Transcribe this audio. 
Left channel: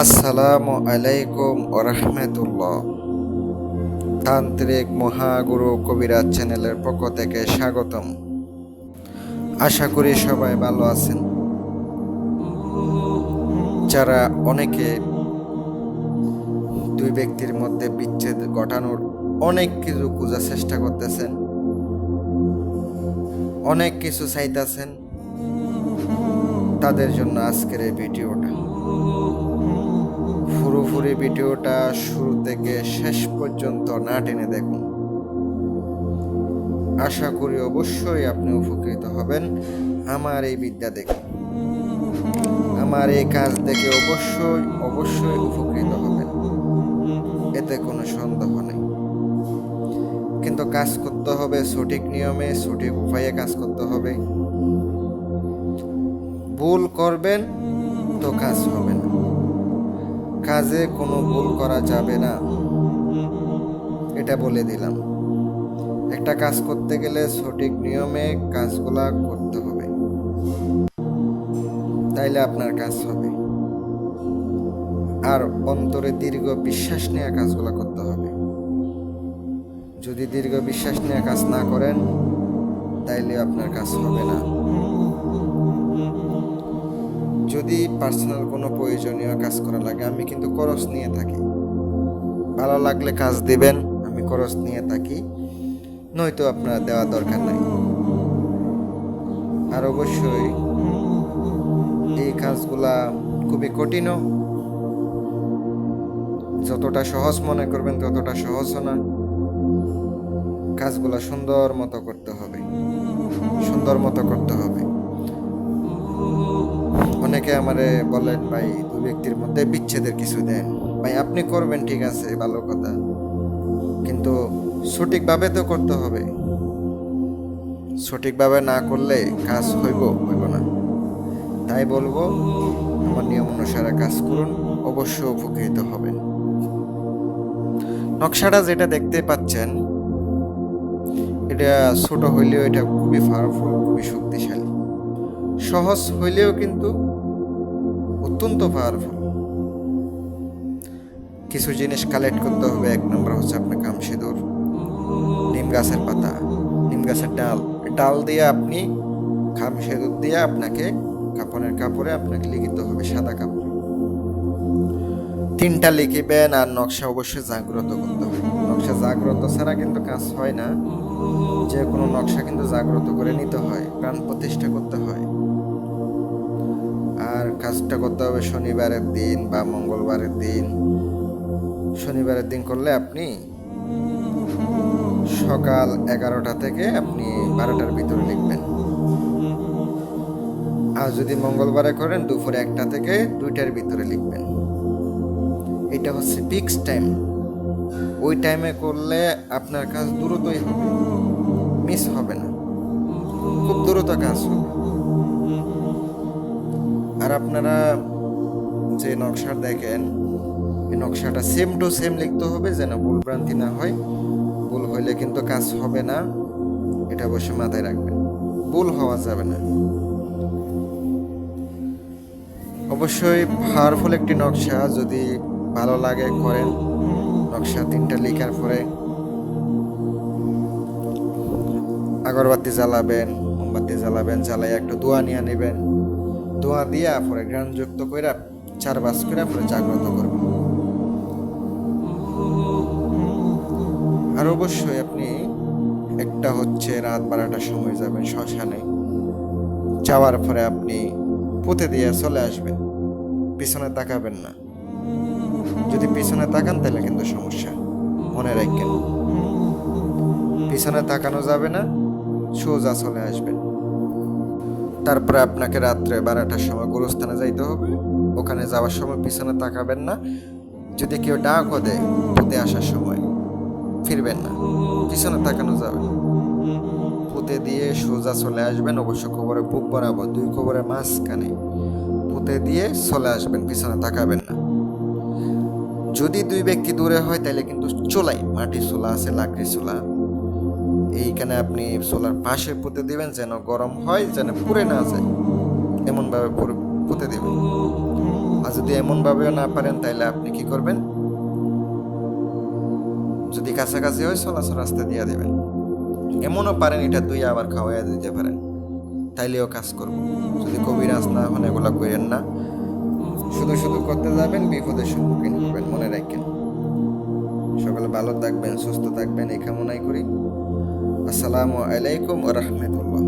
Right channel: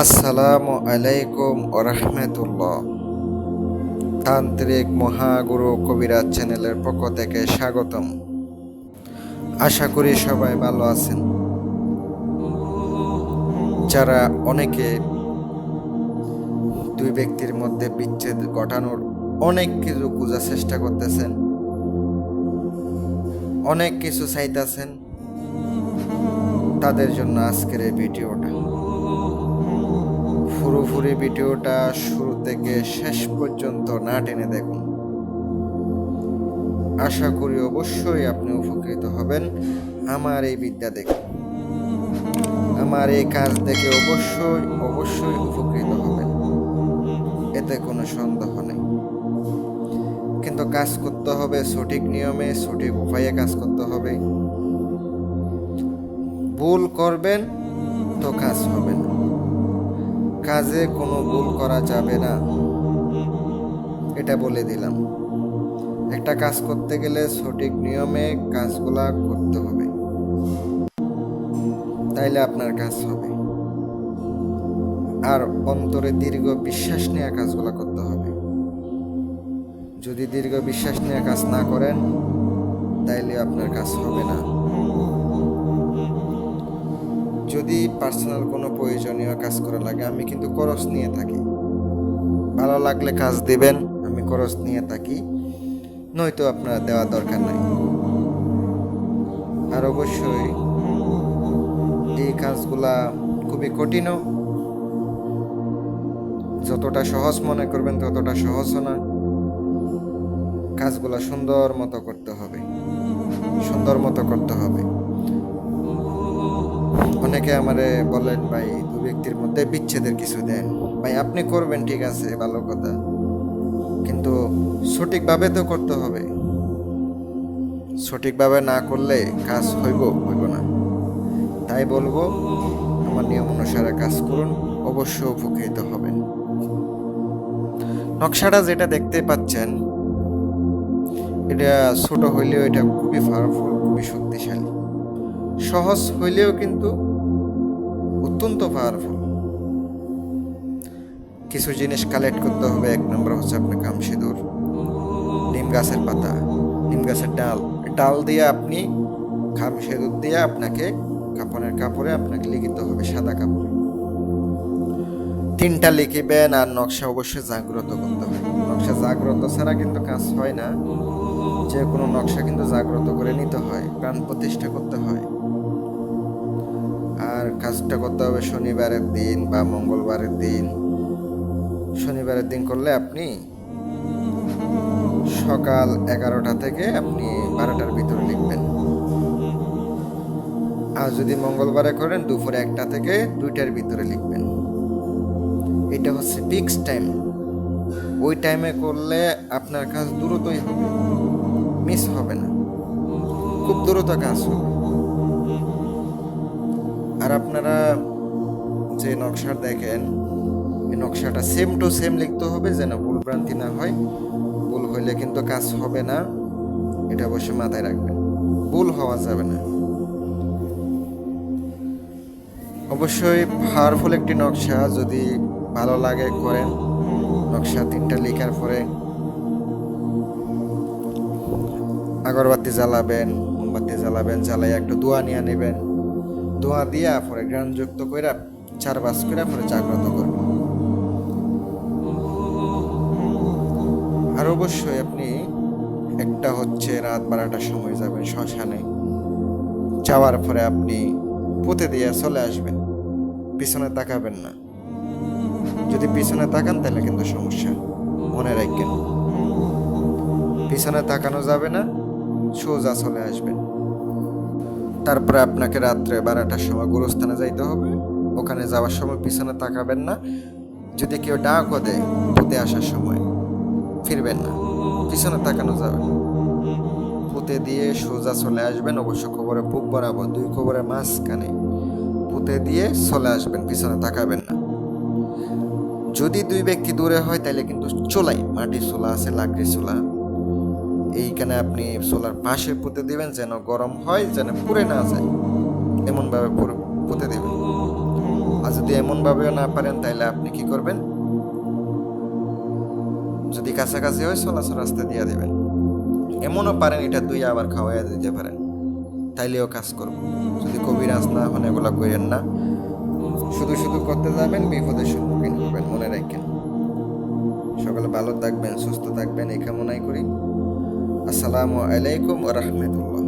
আসসালামু আলাইকুম ওরহমতুল্লাহ। তান্ত্রিক মহাগুরু কবিরাজ চ্যানেলের পক্ষ থেকে স্বাগতম। আশা করি সবাই ভালো আছেন। যারা অনেকে দুই ব্যক্তির মধ্যে বিচ্ছেদ ঘটানোর অনেক কিছু খোঁজার চেষ্টা করতেছেন, অনেক কিছু চাইতেছেন, তাদের জন্য আজকের এই ভিডিওটা। পুরোপুরি ভিডিওটা শুরু থেকে শেষ পর্যন্ত না টেনে দেখুন। আশা করি অবশ্যই আপনি উপকৃত হবেন আমার এই বিদ্যা দেখে, আমার এই কাজ দেখে অবশ্যই উপকৃত হবেন, এতে কোনো সন্দেহ নেই। কিন্তু কাজ করতে হবে সঠিক নিয়মে, সঠিক উপায়ে কাজ করতে হবে। ভুল করবেন তো কাজ হবে না, কাজে কোনো ভুল করা যাবে না, এটা বলে দিলাম। একটা কাজ করতে গেলে সঠিক নিয়মে কাজগুলা করতে হবে, তাইলে আপনার কাজ হবে। আর অন্তরে দীর্ঘ বিশ্বাস নিয়ে কাজগুলা করতে হবে। যদি দীর্ঘ বিশ্বাস নিয়ে কাজ না করেন তাইলে আপনার কাজ হবে না। যদি পার্সোনাল কোনো প্রয়োজনীয় কাজ করা লাগে, আমি কিন্তু খরচ নিয়ে থাকি। ভালো লাগলে কাজ দিবেন, আমি খরচ নিয়ে থাকি, নয়তো আপনার দেওয়া দরকার নাই। আর অবশ্যই এই কাজগুলা খুবই কঠিনও, যতটা সহজ মনে করবেন ততটা সহজও না। কাজগুলা সুন্দর মতো করতে হবে। অনেকে আমারে বলেন, ভাই দুই ব্যক্তির মধ্যে বিচ্ছেদের কিছু দেন। ভাই আপনি করবেন, ঠিক আছে, ভালো কথা, কিন্তু সঠিকভাবে তো করতে হবে। সঠিকভাবে না করলে কাজ হইব না। তাই বলবো, আমার নিয়ম অনুসারে কাজ করুন, অবশ্যই উপকৃত হবেন। নকশাটা যেটা দেখতে পাচ্ছেন, এটা ছোট হইলেও এটা খুবই পাওয়ারফুল, খুবই শক্তিশালী। সহজ হইলেও কিন্তু অত্যন্ত পাওয়ারফুল। কিছু জিনিস কালেক্ট করতে হবে। এক নম্বর হচ্ছে আপনার কামসিঁদুর, নিম গাছের পাতা, নিম গাছের ডাল দিয়ে আপনি কামসিঁদুর দিয়ে আপনাকে কাপড়ে আপনাকে লিখিতে হবে, সাদা কাপড়ে 3টা লিখিবেন। আর নকশা অবশ্যই জাগ্রত করতে হবে। নকশা জাগ্রত ছাড়া কিন্তু কাজ হয় না। যে কোনো নকশা কিন্তু জাগ্রত করে নিতে হয়, প্রাণ প্রতিষ্ঠা করতে হয়। আর কাজটা করতে হবে শনিবারের দিন বা মঙ্গলবারের দিন। শনিবারের দিন করলে আপনি সকাল 11টা থেকে আপনি 12টার ভিতরে লিখবেন। আর যদি মঙ্গলবারে করেন দুপুরে 1টা থেকে 2টার ভিতরে লিখবেন। এটা হচ্ছে ফিক্স টাইম। ওই টাইমে করলে আপনার কাজ দ্রুতই হবে, মিস হবে না, খুব দ্রুত কাজ হবে। আর আপনারা যে নকশা দেখেন, এই নকশাটা সেম টু সেম লিখতে হবে, যেন ভুল ভ্রান্তি না হয়। ভুল হইলে কিন্তু কাজ হবে না, এটা অবশ্যই মাথায় রাখবেন। ভুল হওয়া যাবে না। অবশ্যই পাওয়ারফুল একটি নকশা, যদি ভালো লাগে করেন। নকশা 3টা লেখার পরে আগরবাতি জ্বালাবেন, মোমবাতি জ্বালাবেন, জ্বালাই একটু দোয়া নিয়ে নেবেন। দোয়া দিয়া পরে জ্ঞানযুক্ত করে 4 বাস করে পরে জাগ্রত করবেন। আর অবশ্যই আপনি একটা হচ্ছে রাত 12টার সময় যাবেন শ্মশানে। যাওয়ার পরে আপনি পুঁতে দিয়ে চলে আসবেন, পিছনে তাকাবেন না। যদি পিছনে তাকান তাহলে কিন্তু সমস্যা, মনে রাখবেন। পিছনে তাকানো যাবে না, সোজা চলে আসবেন। তারপরে আপনাকে রাত্রে 12টার সময় গুরুস্থানে যাইতে হবে। ওখানে যাওয়ার সময় পিছনে তাকাবেন না। যদি কেউ ডাকও দেয় পুঁতে আসার সময়, ফিরবেন না, পিছনে তাকানো যাবে না। পুঁতে দিয়ে সোজা চলে আসবেন। অবশ্য কবরে বুক বরাবর, 2 কবরের মাঝখানে পুঁতে দিয়ে চলে আসবেন, পিছনে তাকাবেন না। যদি 2 ব্যক্তি দূরে হয় তাহলে কিন্তু চুলাই, মাটির চুলা আছে, লাকড়ির চুলা, এইখানে আপনি চুলার পাশে পুঁতে দিবেন, যেন গরম হয়, যেন পুড়ে না যায়, এমনভাবে পুঁতে দেবেন। আর যদি এমনভাবেও না পারেন তাহলে আপনি কি করবেন, যদি কাছাকাছি হয় চলাচল রাস্তা দিয়ে দেবেন। এমনও পারেন এটা দুই আবার খাওয়াইয়া দিতে পারেন, তাইলেও কাজ করব। যদি কবিরাজ না হন এগুলা করেন না, শুধু শুধু করতে যাবেন, বিপদের সম্মুখীন হবেন, মনে রাখেন। সকলে ভালো থাকবেন, সুস্থ থাকবেন এই কামনাই করি। আসসালামু আলাইকুম ওয়া রাহমাতুল্লাহ।